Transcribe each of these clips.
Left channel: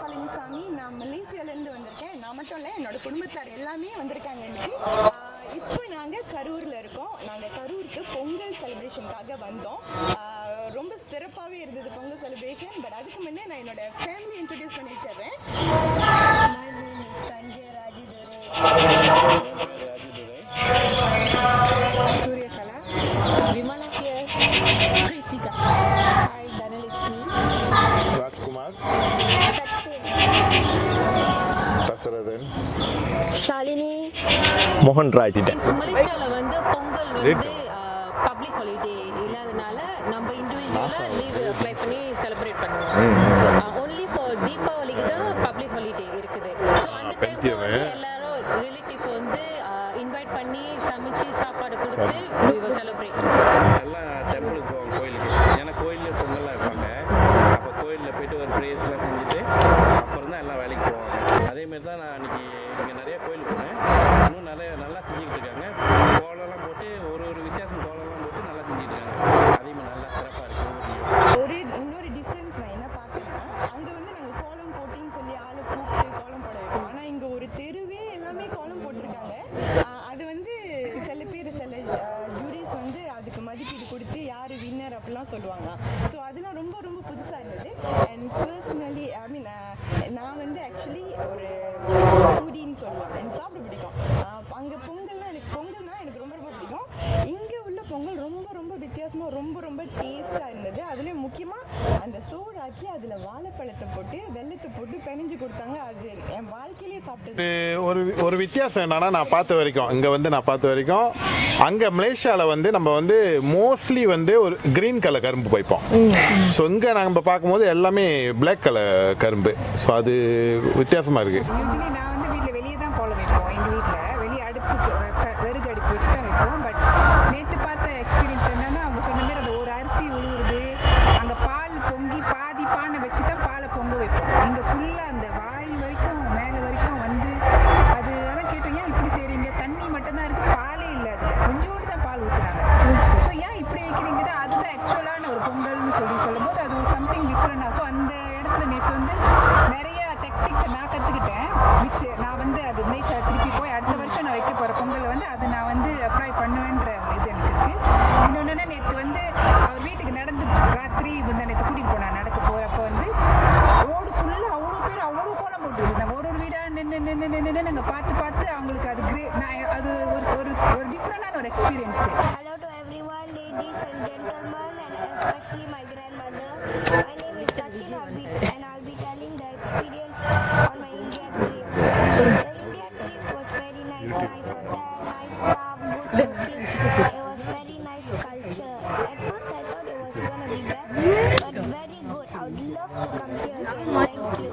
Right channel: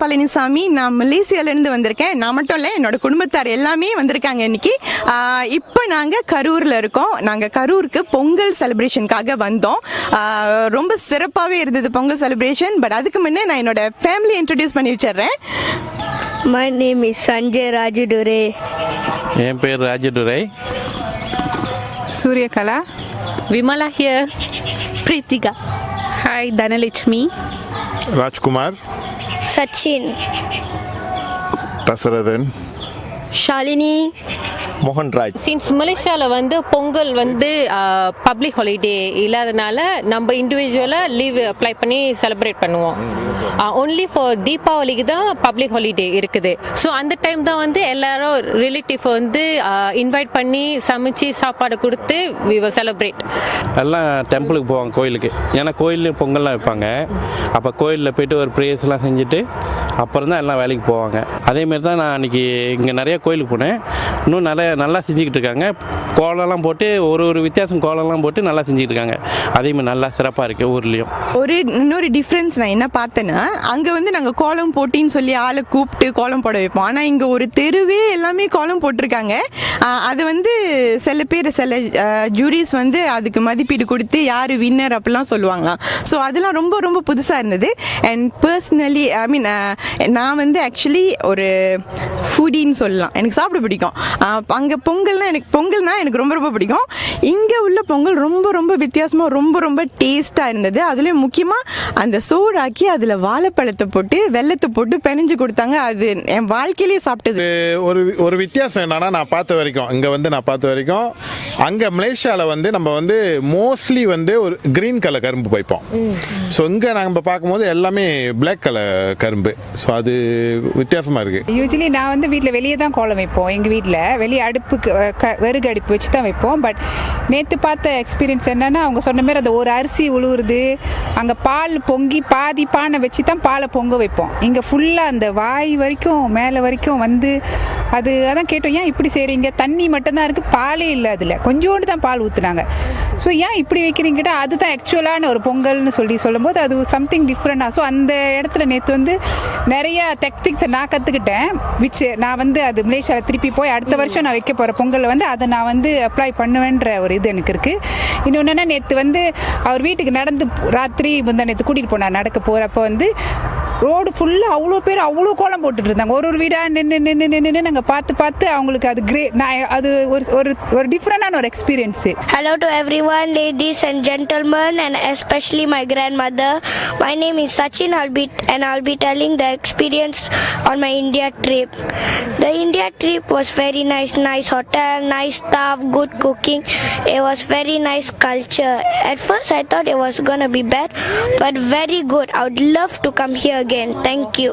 பழனிசாமி நான் மலேசியாலேருந்து வந்திருக்கேன். நான் மட்டும் இல்லை என்னோட குடும்பத்தார் எல்லாமே வந்திருக்காங்க இன்னைக்கு. இப்போ நாங்கள் கரூரில் இருக்கோம். நாங்கள் கரூருக்கு பொங்கல் செலிப்ரேஷனுக்காக வந்தோம். ரொம்ப சிறப்பாகவே இருந்தது பொங்கல் செலிப்ரேஷன் பட் அதுக்கு முன்னே நான் என்னோட ஃபேமிலி இன்ட்ரடியூஸ் பண்ணி வச்சிடுறேன். My name is Sanjay Rajudure. என் பேர் Rajadurai. Suryakala. Vimala here. Pritika. Hi Dhanalakshmi. Rajkumar Sachin Dasarathan Shalini. மோகன் ராஜ் சின்ஸ் மலேசியாவில் வந்து பொங்கல் வந்து பப்ளிக் ஹாலிடே இல்லாதனால நம்ம இண்டிவிஜுவலாக லீவ் அப்ளை பண்ணி செலிப்ரேட் பண்ணுவோம். ஒன்லி ஃபார் தீபாவளிக்கு தான் பப்ளிக் ஹாலிடே இருக்குது. ஸோ அந்த டைம் தான் வந்து எல்லாரும் ரிலேட்டிவ் வந்து இன்வைட் பண்ணி சமைச்சு சாப்பாடு கொடுத்து வி செலிப்ரேட் எல்லாம் டெம்பிளுக்கு போவாங்க கோயிலுக்கு. ஏன்னா கோயிலில் பொங்கல்லாம் வைப்பாங்க. அப்போ கோயிலில் போயிட்டு ஒரு ப்ரேயர்ஸ்லாம் செஞ்சுட்டு அப்புறம் தான் எல்லாம் வேலைக்கு போவாங்க. அதேமாரி தான் நான் அன்றைக்கி இங்கே நிறைய கோயிலுக்கு போனேன். இன்னும் நிறைய நல்லா செஞ்சுக்கிட்டு இருக்காங்க. கோலம்லாம் போட்டு ஒரு ஒரு வித்தியாசம் கோலம்லாம் போட்டு நல்லா செஞ்சுக்கிட்டு இருக்காங்க. அதேமாதிரி நல்லா சிறப்பாக இருக்குது ஊர்லேயும். ஒரு இன்னொரு டிஃப்ரென்ஸ் நான் என்ன பார்த்தேன்னா அங்கே வந்து நாங்கள் கோலம் போட்டின்னு சொல்லி ஆளை கூப்பிட்டு கோலம் போட வைப்போம். ஆனால் இங்கே ஒரு தெருவே எல்லாமே கோலம் போட்டிருக்காங்க. அது வந்து சில பேர் சில ஜூரிஸ் வந்து அதுக்கு மதிப்பீடு கொடுத்து யார் வின்னர் அப்படிலாம் சொல்லுவாங்களாம். ஸோ அதெல்லாம் ரொம்ப ரொம்ப புதுசாக இருந்தது. அண்ட் பர்சனலி ஐ மீன் நான் வந்து ஆக்சுவலி ஒரு ஃபுடின்னு சொல்லலாம். எனக்கு சாப்பிட பிடிக்கும். அங்கே பொங்கல்னா எனக்கு பொங்கல்னா எனக்கு ரொம்ப ரொம்ப பிடிக்கும். இங்கே உள்ள பொங்கல் ரொம்ப ரொம்ப வித்தியாசமாக ரொம்ப ரொம்ப டேஸ்ட்டாக இருந்தது. அதுலேயும் முக்கியமாக அந்த சோறாக்கி அதில் வாழைப்பழத்தை போட்டு வெள்ளத்தை போட்டு பிணைஞ்சு கொடுத்தாங்க. அது என் வாழ்க்கையிலேயே சாப்பிட்டது. ஒரு ஒரு வித்தியாசம் என்னன்னா நான் பார்த்த வரைக்கும். இங்கே வந்து நான் பார்த்த வரைக்கும் அங்கே மலேசியாவில் வந்து நம்ம வந்து மோஸ்ட்லி வந்து ஒரு கிரீன் கலர் கரும்பு வைப்போம். ஸோ இங்கே நம்ம பார்க்கும்போது எல்லாமே பிளாக் கலர் கரும்பு. ஸோ அது வித்தியாசமாக இருக்குது யூஸ்வலி நான் வந்து வீட்டில் வெளியே தான் கோலம் வைப்போம். எங்கள் வீட்டில் வெளியே அடுப்புக்கு க- விறகு அடுப்பு வச்சு தான் வைப்போம். பட் நேற்று பார்த்த எக்ஸ்பீரியன்ஸ் என்னென்னா அவங்க சொன்ன மாதிரி அந்த ஒரு அரிசி உழுவுறது அங்கே பால் பொங்கி பாதி பானை வச்சு தான் பாலை பொங்க வைப்போம். இங்கே ஃபுல்லாக அந்த வாய் வரைக்கும் மேலே வரைக்கும் வந்து அது அதான் கேட்டோம் ஏன் இப்படி செய்கிறீங்க தண்ணி மட்டும்தான் இருக்குது பாலே இல்லை அதில். கொஞ்சோண்டு தான் பால் ஊற்றுனாங்க ஸோ ஏன் இப்படி வைக்கிறீங்க கேட்டால் அதுதான் ஆக்சுவலான ஒரு பொங்கல்னு சொல்லி சொல்லும்போது அது சம்திங் டிஃப்ரெண்டாக ஸோ அந்த இடத்துல நேற்று வந்து நிறையா டெக்னிக்ஸை நான் கற்றுக்கிட்டேன் விச் நான் வந்து அது மலேசியாவில் திருப்பி போய் அடுத்த வருஷம் நான் வைக்க போகிற பொங்கல் வந்து அதை நான் வந்து அப்ளை பண்ணுவேன்ற ஒரு இது எனக்கு இருக்குது இன்னொன்று என்ன நேற்று வந்து அவர் வீட்டுக்கு நடந்து ராத்திரி முந்தா நேற்று கூட்டிகிட்டு போனார். நடக்க போகிறப்ப வந்து ரோடு ஃபுல்லாக அவ்வளோ அவ்வளோ பேர் அவ்வளோ கோலம் போட்டுட்டு இருந்தாங்க ஒரு ஒரு வீடாக நின்று நின்று நின்று நாங்கள் பார்த்து பார்த்து அவங்களுக்கு அது கிரே நான் அது ஒரு ஒரு ஒரு டிஃப்ரெண்டான ஒரு experience hello to everyone ladies and gentleman and especially my grandmother my name is Sachin I'll be and I'll be telling the experience on my India trip the India trip was very nice nice hotel nice staff good cooking It was very nice culture. At first, I thought it was gonna be bad, but very good. I would love to come here again. Thank you.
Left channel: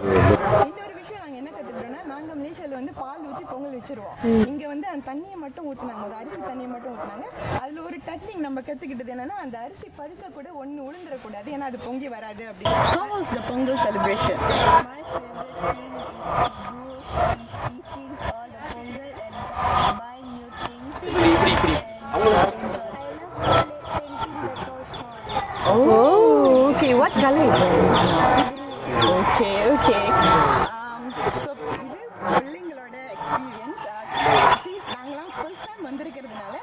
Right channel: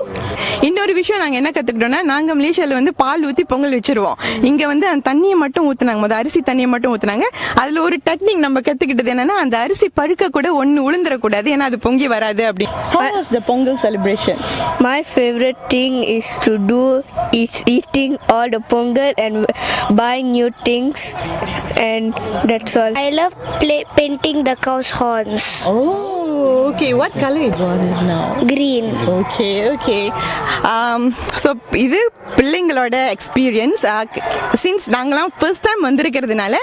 இன்னொரு விஷயம் நாங்கள் என்ன கற்றுக்கிட்டோம்னா நாங்கள் மலேசியாவில் வந்து பால் ஊற்றி பொங்கல் வச்சிருவோம். இங்கே வந்து அந்த தண்ணியை மட்டும் ஊற்றுனாங்க முதல் அரிசி தண்ணியை மட்டும் ஊற்றுனாங்க அதில் ஒரு டெக்னிக் நம்ம கற்றுக்கிட்டது என்னன்னா அந்த அரிசி பழுக்க கூட ஒன்று உளுந்துடக்கூடாது ஏன்னா அது பொங்கி வராது அப்படி. The Pongal celebration My favorite thing is to do is eating all the pongal and buying new things and that's all. I love play, painting the cow's horns. Okay what colour Green. Okay okay so Um, இது பிள்ளைங்களோட experience since நாங்களாம் first time வந்திருக்கிறதுனால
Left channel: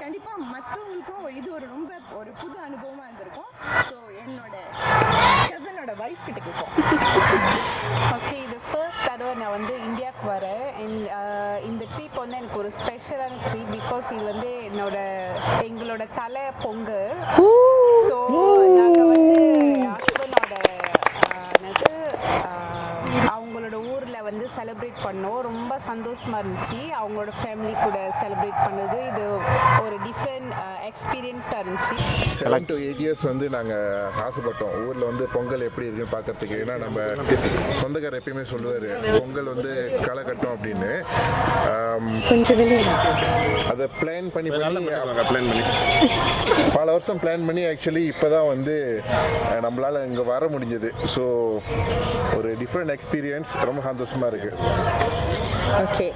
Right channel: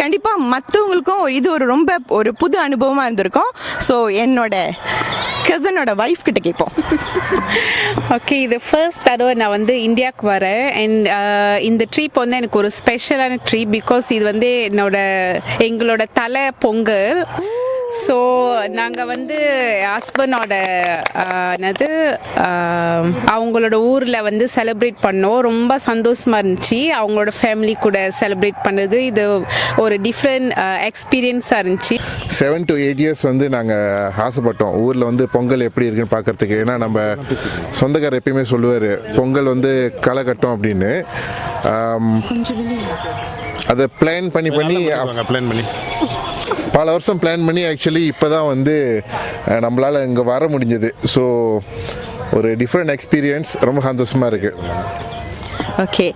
கண்டிப்பாக மற்றவங்களுக்கும் இது ஒரு ரொம்ப ஒரு புது அனுபவமாக இருந்திருக்கும். ஸோ என்னோட கசனோட ஒய்ஃப் கிட்ட கேட்போம். ஓகே இது ஃபர்ஸ்ட் தடவை நான் வந்து இந்தியாவுக்கு வரேன். அண்ட் இந்த ட்ரிப் வந்து எனக்கு ஒரு ஸ்பெஷலான ட்ரிப் பிகாஸ் இது வந்து என்னோட எங்களோட தலை பொங்கல். ஸோ நாங்கள் வந்து ஹஸ்பண்டோட என்னது அவங்களோட ஊரில் வந்து செலிப்ரேட் பண்ணோம். ரொம்ப சந்தோஷமாக இருந்துச்சு. அவங்களோட ஃபேமிலி கூட செலிப்ரேட் பண்ணது. இது ஒரு டிஃப்ரெண்ட் எக்ஸ்பீரியன்ஸாக இருந்துச்சு. செவன் டு எயிட் இயர்ஸ் வந்து நாங்கள் ஆசைப்பட்டோம். ஊரில் வந்து பொங்கல் எப்படி இருக்குன்னு பார்க்கறதுக்கு. ஏன்னா நம்ம சொந்தக்காரர் எப்பயுமே சொல்லுவார் பொங்கல் வந்து களை கட்டும் அப்படின்னு அதை பிளான் பண்ணி பண்ணி பிளான் பண்ணி. பல வருஷம் பிளான் பண்ணி ஆக்சுவலி இப்போ தான் வந்து நம்மளால் இங்கே வர முடிஞ்சது. ஸோ ஒரு டிஃப்ரெண்ட் எக்ஸ்பீரியன்ஸ் ரொம்ப சந்தோஷமாக இருக்குது ஓகே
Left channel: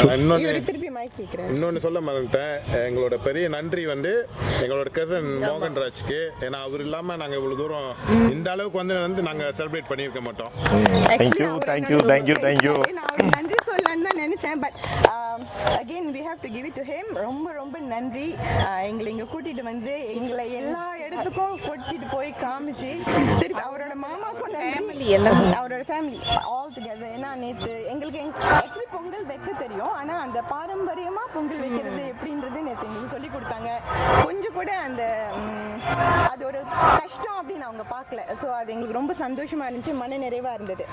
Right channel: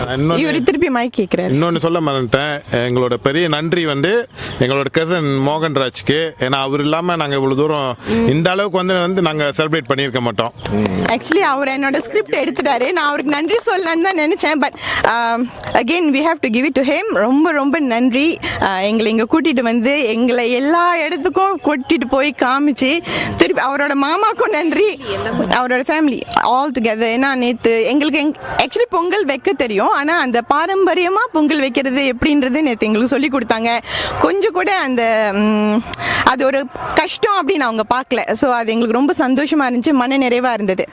இன்னொன்னு- இவர் திருப்பி மைக் கேட்கிறாரு இன்னொன்று சொல்ல மறந்துட்டேன். எங்களோட பெரிய நன்றி வந்து எங்களோட கசன் மோகன்ராஜ்க்கு ஏன்னா அவர் இல்லாமல் நாங்கள் இவ்வளோ தூரம் இந்த அளவுக்கு வந்து வந்து நாங்கள் செலிப்ரேட் பண்ணியிருக்க மாட்டோம். ஆக்சுவலி அவர் என்னோட ஸ்கிரிப்ட் எடுத்துட்டாரு நான் அவருக்கு நன்றி சொல்லலான்னு தான் நினைச்சேன். But again we have to give it to him ரொம்ப ரொம்ப நன்றி. எங்களை இங்கே கூட்டிட்டு வந்து எங்களை எல்லா இடத்துக்கும் கூட்டிட்டு போய் காமிச்சு திருப்பி அவரோட மாமாக்கும் நன்றி. அவரோட ஃபேமிலி ஆல் டுகெதர் ஏன்னா நேற்று எங்களுக்கு ஆக்சுவலி பொங்கல் வைக்க தெரியும். ஆனால் அந்த பாரம்பரியமாக பொங்கல் வைக்கிறது எப்படின்றது நேற்று எங்களுக்கு சொல்லி கொடுத்தாங்க. கொஞ்சம் கூட அந்த அது ஒரு கஷ்டம் அப்படின்னு அவங்க பார்க்கல. ஸோ அது எங்களுக்கு ரொம்ப சந்தோஷமா இருந்துச்சு. மன நிறைவாக இருந்தது.